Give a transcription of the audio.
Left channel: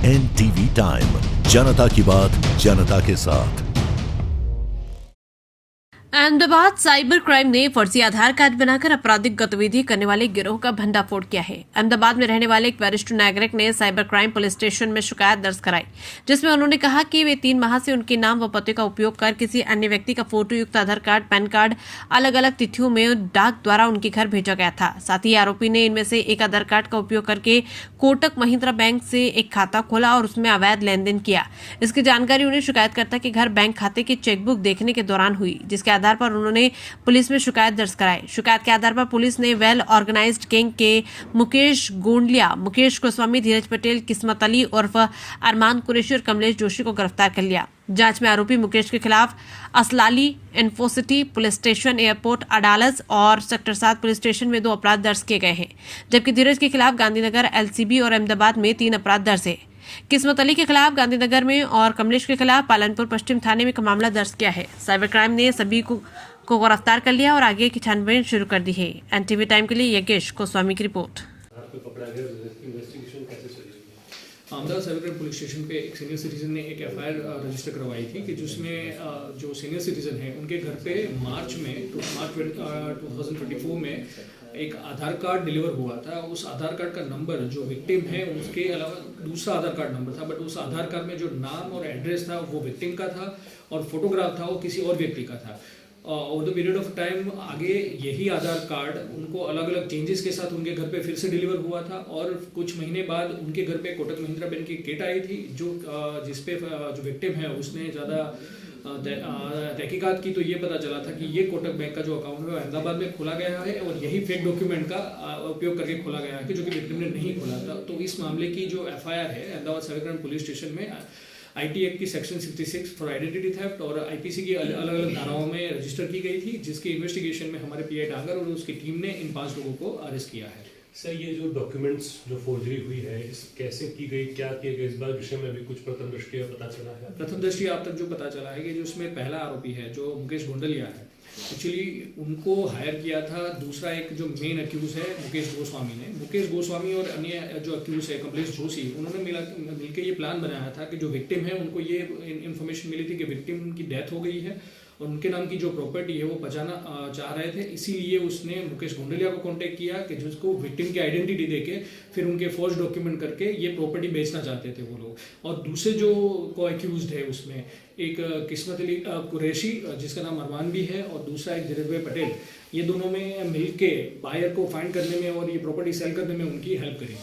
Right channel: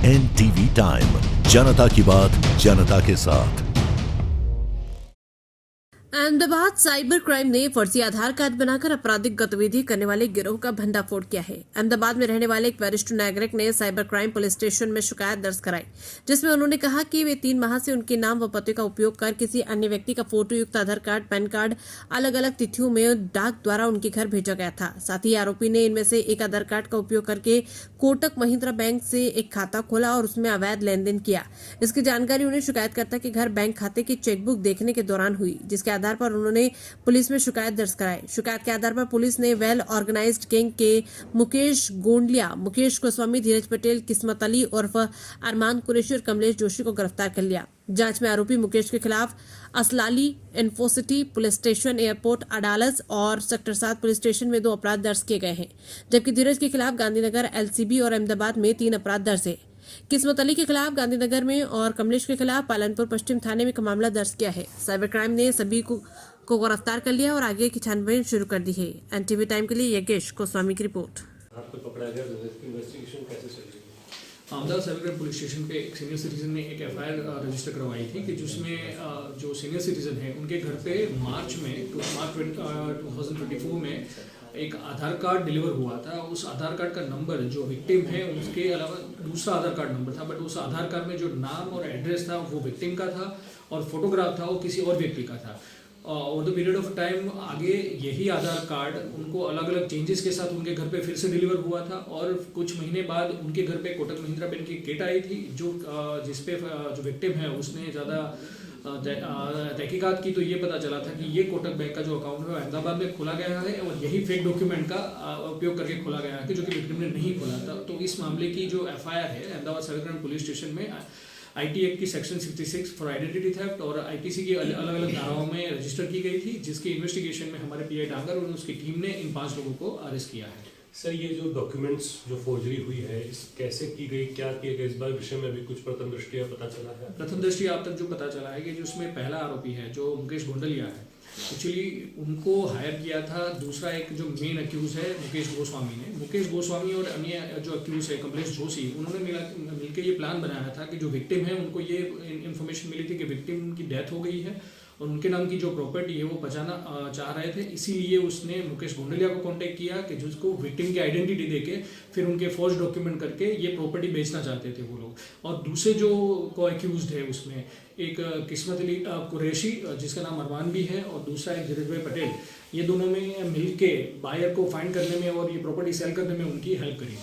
NTV time, जनता की बात जनता के साथ। अहमदाबाद साइबर क्राइम ने फर्जी आधार कार्ड बनाकर आपराधिक गतिविधि करने वाले गिरोह का भंडाफोड़ किया है। अहमदाबाद में रहने वाले एक वरिष्ठ नागरिक ने साइबर क्राइम पुलिस स्टेशन में शिकायत दर्ज कराई, जिसमें उन्होंने कहा कि वे 3 माह से उनके नाम व पते का उपयोग कर किसी अन्य व्यक्ति का फोटो युक्त आधार कार्ड, पैन कार्ड अलग अलग तिथियों में डाक द्वारा उनके घर भेजा गया था। साथ ही आरोपी ने इनमें से एक आधार कार्ड का उपयोग करके कोटक महिंद्रा बैंक से एक खाता खोला और उसमें अवैध लेन देन किया। इसकी जानकारी उन्हें शिकायतकर्ता के घर बैंक खाते की चेकबुक देखने के दौरान हुई, जिसके आधार पर उन्होंने पुलिस में शिकायत दर्ज कराई। शिकायत के आधार पर पुलिस ने वेल ऑर्गेनाइज्ड गैंग के मुकेश गोंडलिया, मुकेश गोस्वामी, धीरज पटेल, किस्मत अली उर्फ अरमान कुरैशी और कमलेश जोशी को गिरफ्तार कर लिया। जांच में आरोपी मुकेश के खिलाफ Aslali, Infocity police station, airport Adalaj और सेक्टर 7 पुलिस स्टेशन में 2 अपराध दर्ज किए गए हैं, जबकि धीरज के खिलाफ गांधीनगर LCB और अहमदाबाद में 3 अपराध दर्ज है। किस्मत अली के खिलाफ गांधीनगर में और कमलेश के खिलाफ पालनपुर पश्चिम थाने में मामला दर्ज किया है। साइबर क्राइम ने सभी को गिरफ्तार कर लिया और आगे की छानबीन शुरू कर दी है। NTV टाइम के लिए यज्ञेश गोस्वामी की report. Ahmedabad cyber crime police station पे एक सीनियर सिटीजन ने एक FIR रजिस्टर करवाई थी कि जिसमें जो सीनियर सिटीजन है उनके घर पे मार्च 2024 में एक आधार कार्ड डिलीवर हुआ था। उस आधार कार्ड का नंबर जो विक्टिम है उसके अलावा दूसरा आधार कार्ड नंबर था, बट उस आधार कार्ड में जो नाम और एड्रेस था वो विक्टिम का था और फोटोग्राफ था वो किसी और व्यक्ति का था। Over the period of time आगे यही आधार कार्ड उनको अलग अलग चेंजेस के साथ उनके घर पे फिर से डिलीवर हुआ था और कुछ महीने बाद उनके घर पे कोटक महिंद्रा बैंक की किट आई थी जो जिसपे जो विक्टिम है उसने ज़्यादा तहकीकात की तो ये पता चला था कि ये कोटक बैंक का जो अकाउंट है वो अहमदाबाद में खोला गया है और यही फेक डॉक्यूमेंट का उपयोग करके खोला गया है जो कि विक्टिम ने नहीं खोला था। तो इस मामले की जो FIR है Ahmedabad cyber crime police station में IT एक्ट की सेक्शन 66 फॉर आइडेंटिटी थेफ्ट और IPC की अलग अलग धाराओं में रजिस्टर की गई थी, जिसकी इन्वेस्टिगेशन में हमारे PI डांगर और उसकी टीम ने इन 5 लोगों को अरेस्ट किया है। सर, ये जो डॉक्यूमेंट्स जो फोर्जरी हुई है इस कैसे की गई, क्या किया गया, इस बार विषय में भी कुछ प्रथम दृष्टया पता चला है? प्रथम दृष्टया अब तक जो पता चला है कि जो इसमें पहला आरोपी है जो मुकेश गोंडलिया है, एक्चुअली उनको हायर किया था दूसरा एक जो मेन अक्यूज है मुकेश गोस्वामी और अन्य जो अक्यूज है कमलेश जोशी, उन्होंने मिलकर ये प्लान बनाया था कि जो विक्टिम है उनको ये इन्फॉर्मेशन मिली थी कि विक्टिम की डेथ हो गई है और उनके नाम की जो प्रॉपर्टी है वो बचाना चाह रहे थे। इसीलिए उसने मुकेश गोंडलिया को कांटेक्ट किया कि जिसको विक्टिम की आइडेंटिटी देके फिर उनके फॉर्ज डॉक्यूमेंट करके ये प्रॉपर्टी बेचना चाहते थे वो लोग। और दूसरे जो को एक्यूज्ड है उसमें एक किस्मत अली कुरैशी जिसका नाम अरमान भी है और दूसरा एक धीरज पटेल, ये दोनों में मिलके बायर को फाइंड करने में और ये प्रॉपर्टी सेल करने में उनकी हेल्प करी।